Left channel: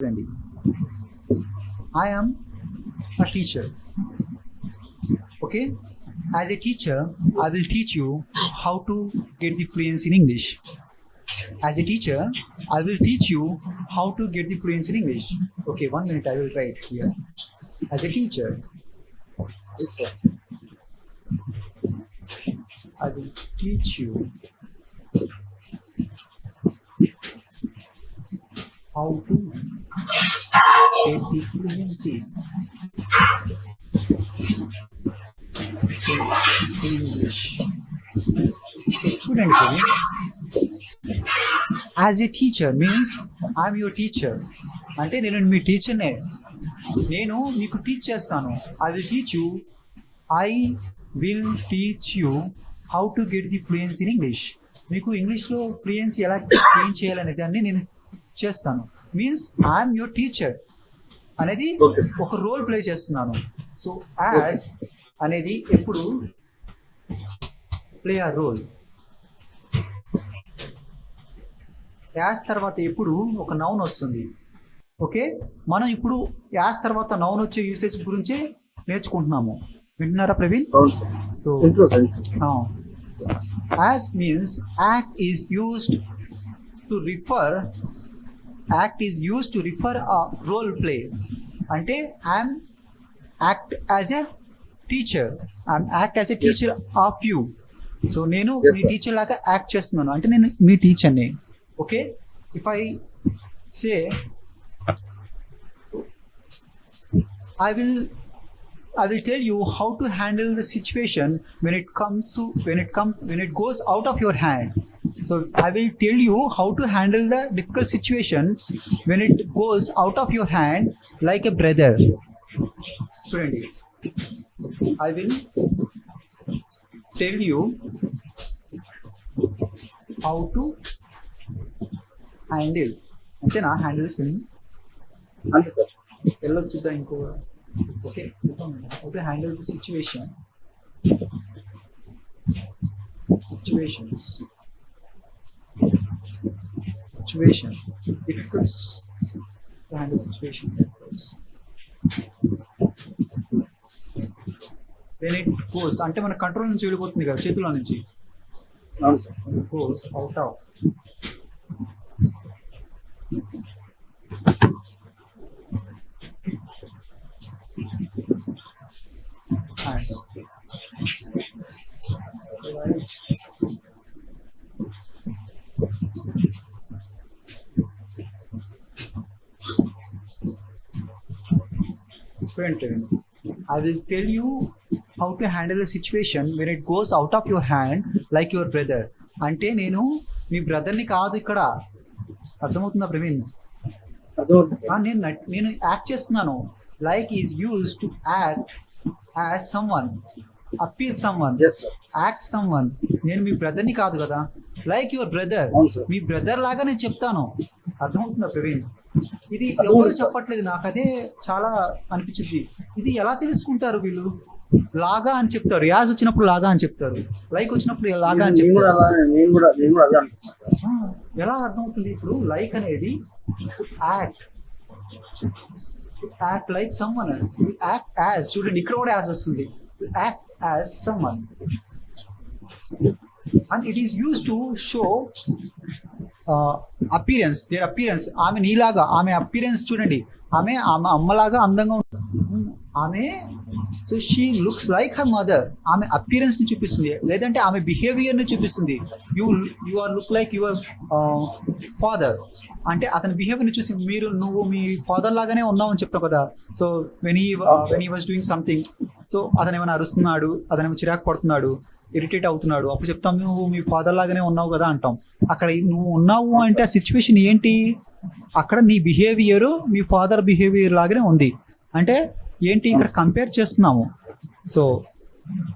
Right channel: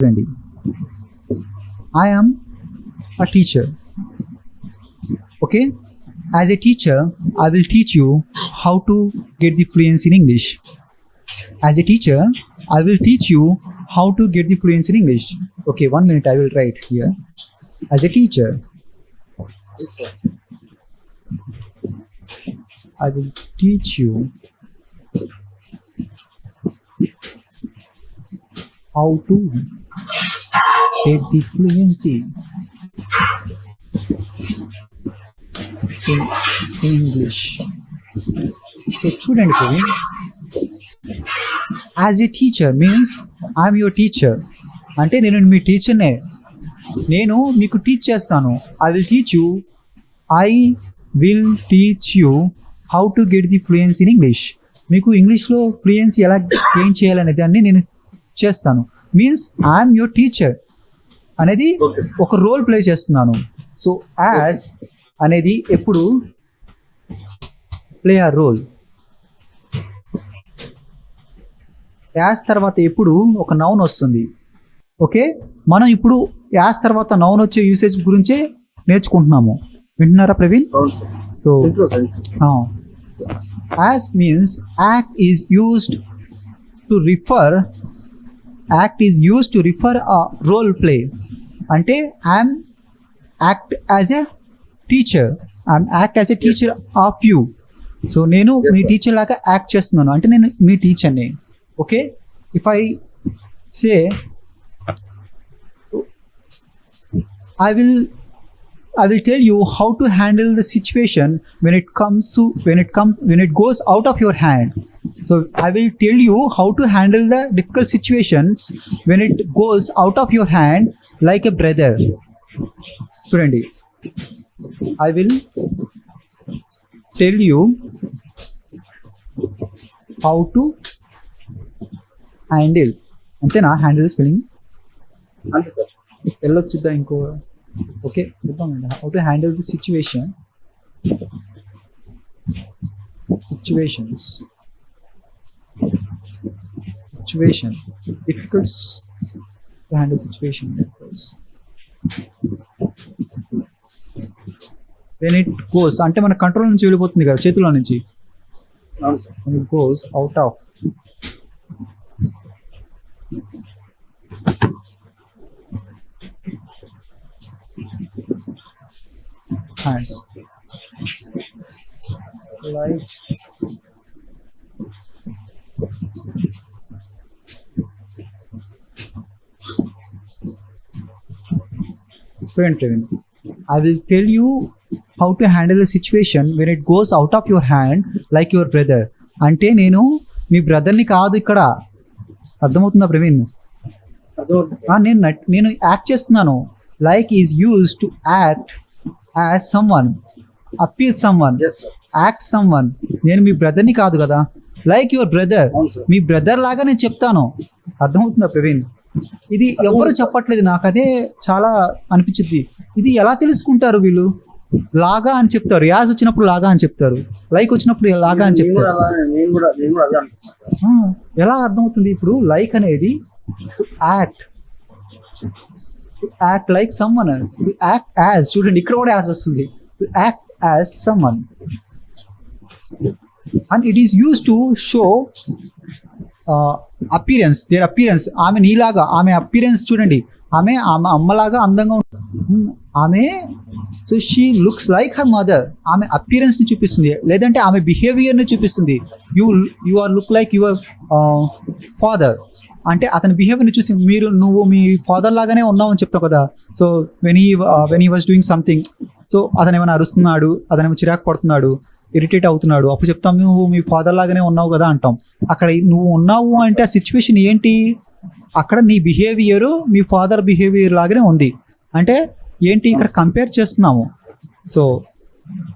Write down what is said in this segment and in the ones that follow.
Randy. I am a teacher. Okay? As a teacher, I will teach you how to get the fluency in English. As a teacher, I will teach you how to get the fluency in English. Okay, one minute, I will write here. As a teacher, yes, sir. I will teach you how to get the fluency. In English. So, చూడండి Praveen as a teacher means I'm your teacher అంటే నేను మీ టీచర్నే నేను మీకు teach చేస్తాను. I will teach you I will teach you how to get the fluence in English మీకు ఇంగ్లీష్లో ఫ్లూయెన్స్ ఎలా గెయిన్ చేయాలనే దాన్ని నేను చేస్తాను. మీన్స్ ఐఎమ్ యువర్ టీచర్ అనేది. ఒక రోల్ ప్లే చేస్తున్నాను. సో యాజ్ అనేది ఎప్పుడు ప్లే ఆ రోల్ యాజ్ తర్వాత ఎప్పుడు ఒక నౌన్ వస్తుంది. ఓకే మనం ఇప్పుడు యాజ్ తర్వాత నౌన్ వచ్చే యూసేజ్ గురించే నేర్చుకుంటున్నాము. వింటున్నారా Praveen? So. As means act is used to refer act is used to refer a role play అంటే I'm act as a teacher I'm act as a teacher of you so నేను మీ. Teacher లాగా act చేస్తున్నాను. అంటే నేను మీ టీచర్ని okay if I say I will I will tell you how to handle the situation when it comes to when it comes when it goes out of your hand. So I will tell you how to handle the difficult situations when it goes out of your hand like a brother. చూడండి I will tell you how to handle అంతేనా handle spelling అంతే sir వెళ్ళొచ్చుద్దా ఇంకో okay how to handle the situation situations situation difficults to handle situation when it goes అంటే మన control నుంచి వెళ్ళిపోతుంది కదా చేతిలో నుంచి? అవును sir when it goes out of hands Friend, I will tell you how to handle the situation when it goes out of your hand like your brother. అంటే నేను మీ బ్రదర్ని కాదు ఇక్కడ అర్థమవుతుందా ప్రవీణ్ నేను నేను యాక్ట్ చేస్తున్నాను like is use to act as someone appeal someone. Act someone నేను మీ బ్రదర్ని కాదు కదా? Like your brother. Me brother లాగా నేను చెప్తాను. అర్థమవుతుందా ప్రవీణ్? ఇది ఎవరు చెప్పట్లేదు. నాకు అదే చాలా అనిపించింది. ఇది ఎలా తెలుసుకుంటారు వీళ్ళు? లాగా అని చెప్తారు. యాజ్ వచ్చినప్పుడు లాగా అని చెప్తారు. లైక్ వచ్చినప్పుడు లాగా అని చెప్తారు. ఎలా అర్థమవుతుంది ఇప్పుడు? లైక్ అనేది act act like someone act as చూడండి ఇక్కడ కూడా యాజ్ వస్తుంది. Act as someone and it is use to show appearance there appearance ఆమె నీలాగా ఆమె అపీరెన్స్ చూడండి. ఆమె ఆమె అమ్మలాగా అందంగా ఉంటుంది hmm. ఆమె so she looks like her mother ఆమె అపీరెన్స్ని చూపిస్తుంది. లేదంటే ఆమె బిహేవియర్ని చూపిస్తుంది. You you are look like your father అంటే అతని బిహేవియర్ని చూసి మీరు నువ్వు మీ ఫాదర్ లాగానే ఉన్నావు అని చెప్తావు కదా. So when he when he was doing something so అతను ఏమైనా అరుస్తున్నాడు అతను ఏమైనా చిరాకు పడుతున్నాడు ఇరిటేట్ అవుతున్నాడు అప్పుడు చెప్తాం నువ్వు మీ ఫాదర్ లాగానే ఉన్నావు కదా అంటాం. అక్కడ నువ్వు ఉన్నావు అంటే ఆ సిచ్యువేషన్ ఏంటి? అక్కడ నీ బిహేవియర్ మీ ఫాదర్ బిహేవియర్ లాగానే ఉంది. అంటే ఏంటి? ఇక్కడ కంపేర్ చేస్తున్నాము. సో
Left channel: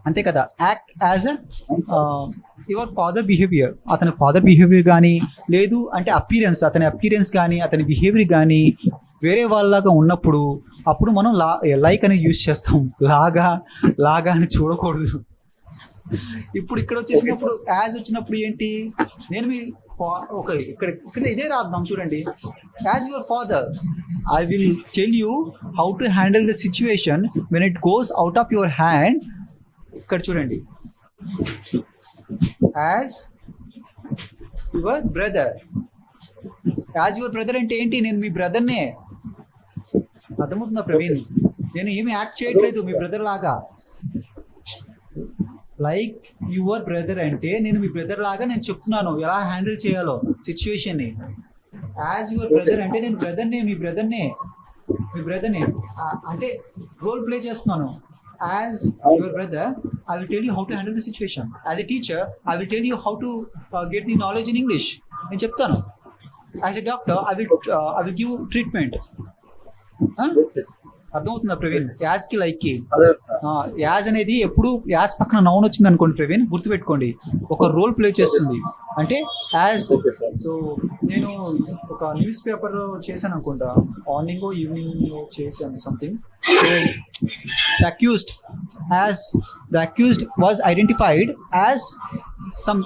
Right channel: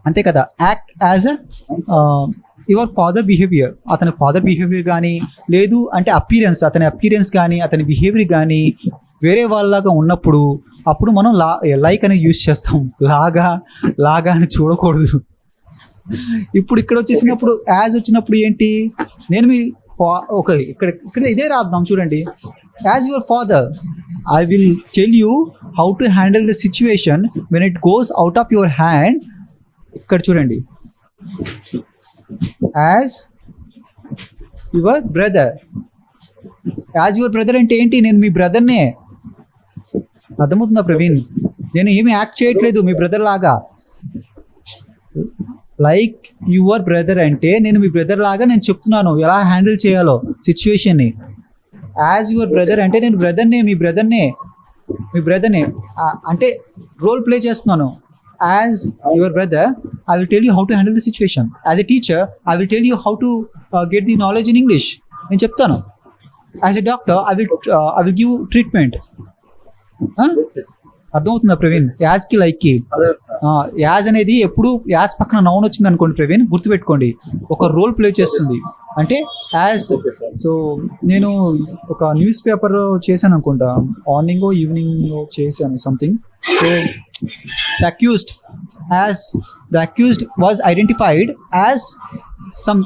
అంతే కదా. Act as a your father behaviour అతని ఫాదర్ బిహేవియర్ కానీ లేదు అంటే అపీరెన్స్ అతని అపీరెన్స్ కానీ అతని బిహేవియర్ కానీ వేరే వాళ్ళలాగా ఉన్నప్పుడు అప్పుడు మనం లా లైక్ అనేది యూజ్ చేస్తాం. లాగా లాగా అని చూడకూడదు. ఇప్పుడు ఇక్కడ వచ్చేసినప్పుడు యాజ్ వచ్చినప్పుడు ఏంటి? నేను మీ ఓకే ఇక్కడ ఇక్కడ ఇదే రాద్దాం చూడండి. As your father I will tell you how to handle the situation when it goes out of your hand ఇక్కడ చూడండి. As your brother as your brother అంటే ఏంటి? నేను మీ బ్రదర్నే అర్థమవుతుందా ప్రవీణ్? నేను ఏమి యాక్ట్ చేయట్లేదు మీ బ్రదర్ లాగా. లైక్ యువర్ బ్రదర్ అంటే నేను మీ బ్రదర్ లాగా నేను చెప్తున్నాను. ఎలా హ్యాండిల్ చేయాలో సిచ్యువేషన్ని యాజ్ యువర్ బ్రదర్ అంటే నేను బ్రదర్నే మీ బ్రదర్నే మీ బ్రదర్నే అంటే రోల్ ప్లే చేస్తున్నాను. As your brother I will tell you how to handle the situation as a teacher I will tell you how to get the knowledge in English నేను చెప్తాను as a doctor I will I will give treatment అర్థమవుతుందా ప్రవీణ్? యాజ్కి లైక్కి అదే. ఆ, as అనేది ఎప్పుడు as పక్కన noun వచ్చింది అనుకోండి ప్రవీణ్ గుర్తుపెట్టుకోండి. ఒక రోల్ ప్లే చేస్తుంది. అంటే యాజ్ సో నేను ఒక న్యూస్ పేపర్ చేశాను అనుకుంటా. మార్నింగ్ ఈవినింగ్ చేశాను something the accused as the accused was identified as some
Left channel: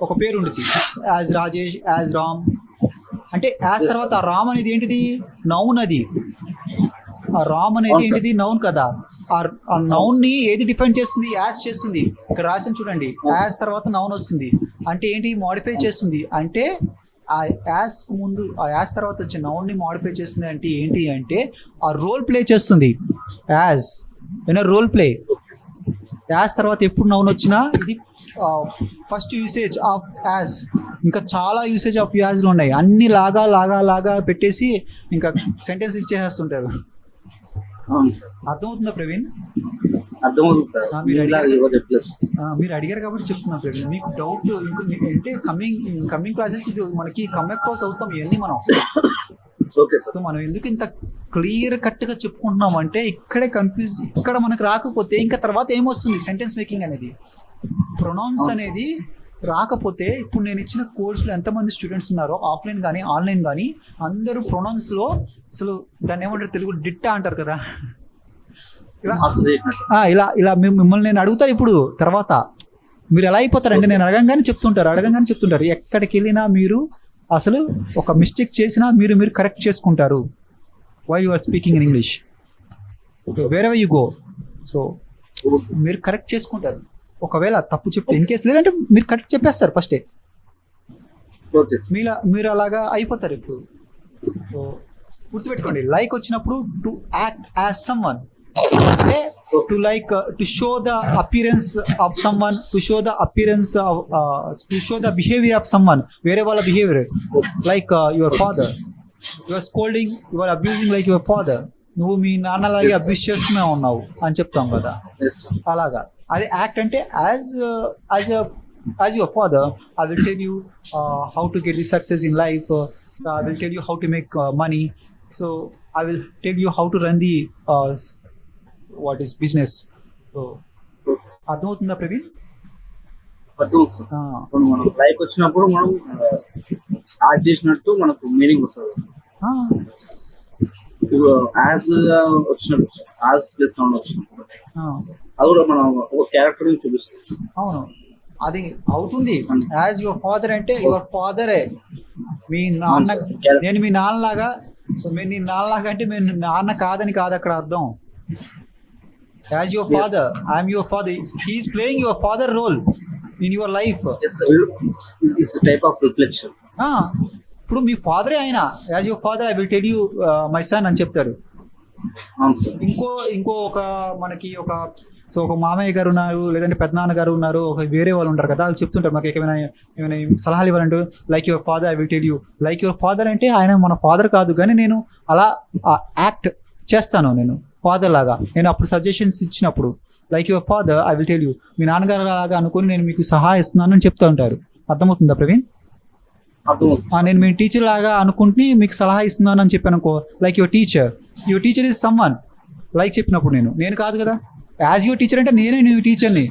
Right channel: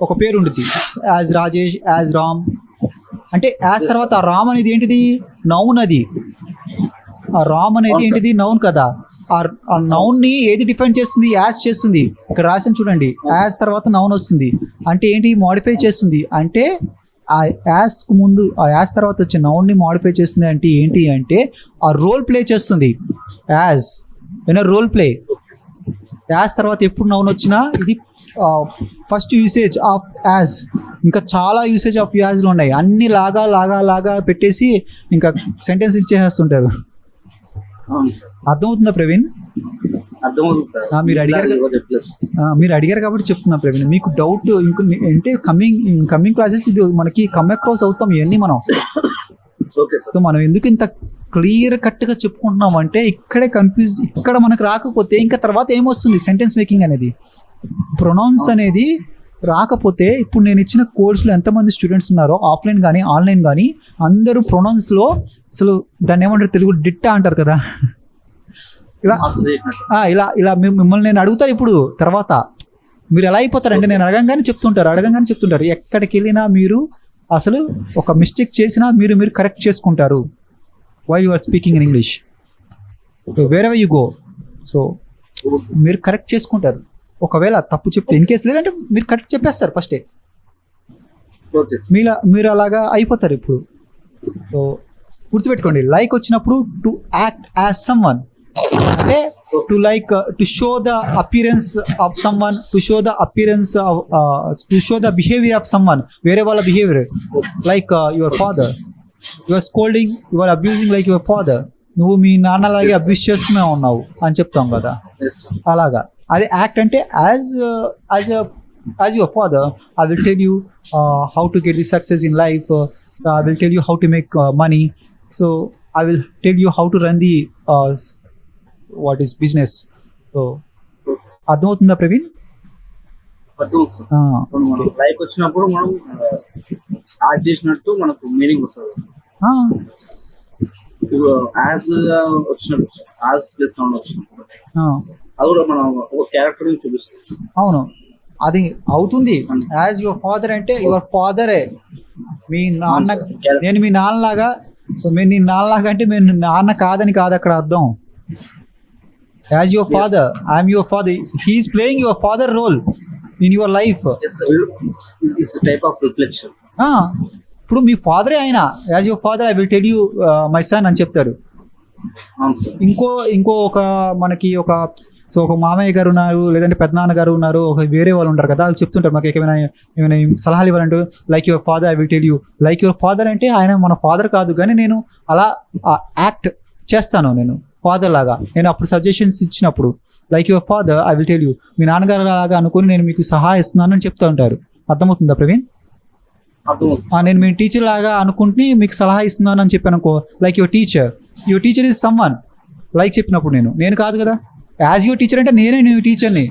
ఒక పేరు ఉంటుంది యాజ్ రాజేష్ యాజ్ రామ్ అంటే యాజ్ తర్వాత రామ్ అనేది ఏంటిది? నౌన్ అది. ఆ రామ్ అనేది ఏంటిది? నౌన్ కదా. ఆ ఆ నౌన్ని ఏది డిఫైన్ చేస్తుంది? యాజ్ చేస్తుంది. ఇక్కడ రాసిన చూడండి. యాజ్ తర్వాత నౌన్ వస్తుంది. అంటే ఏంటి? మాడిఫై చేస్తుంది. అంటే ఆ యాస్కు ముందు ఆ యాస్ తర్వాత వచ్చే నౌన్ని మాడిఫై చేస్తుంది అంటే ఏంటి అంటే ఆ రోల్ ప్లే చేస్తుంది. యాజ్ ఏమైనా రోల్ ప్లే యాజ్ తర్వాత ఎప్పుడు నౌన్ వచ్చినా ఇది ఫస్ట్ యూసేజ్ ఆఫ్ యాజ్ ఇంకా చాలా యూసేజ్ ఆఫ్ యాజ్లు ఉన్నాయి. అన్ని లాగా లాగా లాగా పెట్టేసి ఇంకా సెంటెన్స్ ఇచ్చేసేస్తుంటారు. అర్థమవుతుందా ప్రవీణ్? మీరు అడిగారు. మీరు అడిగారు కాబట్టి చెప్తున్నా ప్రవీణ్. మీకు డౌట్ ఇంకో అంటే కమింగ్ కమింగ్ క్లాసెస్ ఇది మనకి కమ్ అక్రాస్ అవుతాం ఇవన్నీ మనం. సో మనం ఎందుకు ఇంత క్లియర్ కట్గా చెప్పుకుంటున్నాం అంటే ఇక్కడే కన్ఫ్యూజ్ ఇక్కడ మనకు రాకపోతే ఇంకా తర్వాత ఏమొస్తుంది? సెంటెన్స్ మేకింగ్ అనేది. ప్రొనౌన్స్ అనేది రాకపోతే ఇప్పుడు నేను ఇచ్చిన కోర్సులో ఎంతమంది స్టూడెంట్స్ ఉన్నారో ఆఫ్లైన్ కానీ ఆన్లైన్ కానీ అందరూ ప్రొనౌన్స్లో అసలు దాన్ని ఏమంటారు తెలుగు? డిట్టా అంటారు కదా. ఇలా ఇలా ఇలా మిమ్- మిమ్మల్ని నేను అడుగుతాను ఇప్పుడు తర్వాత. మీరు ఎలా అయిపోతారంటే నేను అడగంగానే చెప్తుంటారు అడగంగానే చెప్తుంటారు. ఎక్కడికి వెళ్ళినా మీరు అసలు ఒక మిస్టేక్ చేసినా మీరు మీరు కరెక్ట్ చేసుకుంటారు. Why you are speaking in English వేరే యూ గో సో మీరు కరెక్ట్ చేసుకుంటారు. ఒకవేళ తప్పు చెప్తే ఇన్ కేసు లేదంటే మీరు కరెక్ట్ చెప్పేస్తారు ఫస్టే మీలా మీరు అలాగా అయిపోతారు ఇప్పుడు. సో గుర్తుపెట్టుకోండి లైక్ వచ్చినప్పుడు to act as someone అంటే to like to show the appearance of someone to show the appearance to show the behaviour of someone వేరే వాళ్ళ behaviour like your father your scolding your abusing like your father నువ్వు మీ నాన్నలాగే abuse చేస్తూనే ఉన్నావు అని చెప్తాం కదా. అలాగా. అదే యాక్ట్ అంటే as as as your father I will tell you how to get the success in life I will tell you how to make money so I will tell you how to run the what is business so అర్థమవుతుందా Praveen? Life వచ్చినప్పుడు మనం add చేసినట్టు మనకు meaning వస్తుంది. As వచ్చినప్పుడు as place వచ్చినప్పుడు. అది కూడా మనం ఒక క్యారెక్టర్ అవును. అది అవుతుంది. యాజ్ యువర్ ఫాదర్ అంటే యువర్ ఫాదరే మీ నాన్న నేను మీ నాన్నలాగా సో మీరు నీ నాన్నలాగా అంటే మీరు నాన్న కాదని కాదు అక్కడ అర్థం. As your father I'm your father he is playing your father role in your life type of reflection ఇప్పుడు మీ ఫాదరే ఆయన? As your father I will tell you my son అని చెప్తారు ఇంకో ఇంకో ఒక మనకి ఒక సో ఒక మామయ్య గారు ఉన్నారు లేదంటే పెద్దనాన్న గారు ఉన్నారు ఒక వేరే వాళ్ళు ఉంటారు కదా వాళ్ళు చెప్తుంటారు మాకు ఏమైనా ఏమైనా సలహాలు ఇవ్వాలంటే like your father I will tell you like your father అంటే ఆయన మన ఫాదర్ కాదు కానీ నేను అలా యాక్ట్ చేస్తాను నేను ఫాదర్ లాగా. నేను అప్పుడు సజెషన్స్ ఇచ్చినప్పుడు like your father I will tell you మీ నాన్నగారు లాగా అనుకుని నేను మీకు సహాయం ఇస్తున్నాను అని చెప్తూ ఉంటారు. అర్థమవుతుందా ప్రవీణ్? నేను మీ టీచర్ లాగా అనుకుంటే మీకు సలహా ఇస్తున్నాను అని చెప్పాను అనుకో like your teacher your teacher is someone like చెప్పినప్పుడు నేను నేను కాదు కదా. యాజ్ యువర్ టీచర్ అంటే నేనే నీ టీచర్ని